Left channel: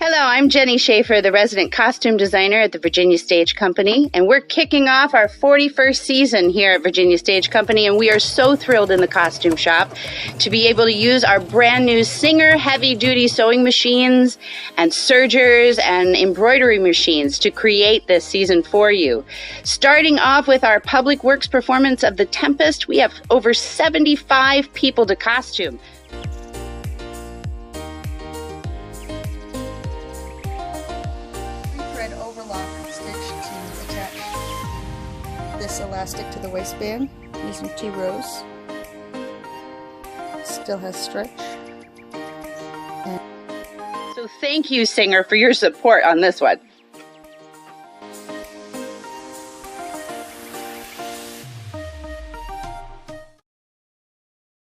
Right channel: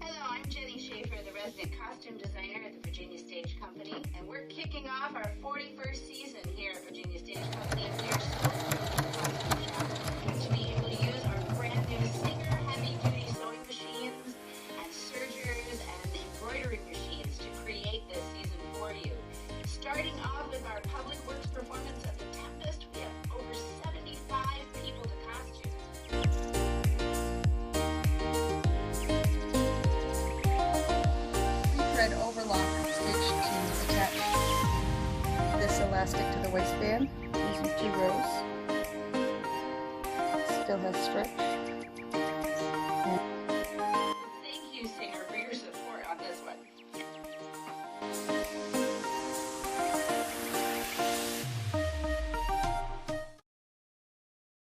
Hello, I'm Jeni Schaefer, the resident costume designer at the Virginia Stage Company, and we're kicking off our 41st season here at Virginia Stage Company, and we are so thrilled in the costume shop to be able to use our brand new Singer heavy-duty sewing machines and sergers and embroidery machines to create this season for you. Starting off with our public works performance of the Tempest, we have over 75 people to costume. Elastic to the waistband using 2 rows. Still has stretch. So thank you, Singer, for your support on this one.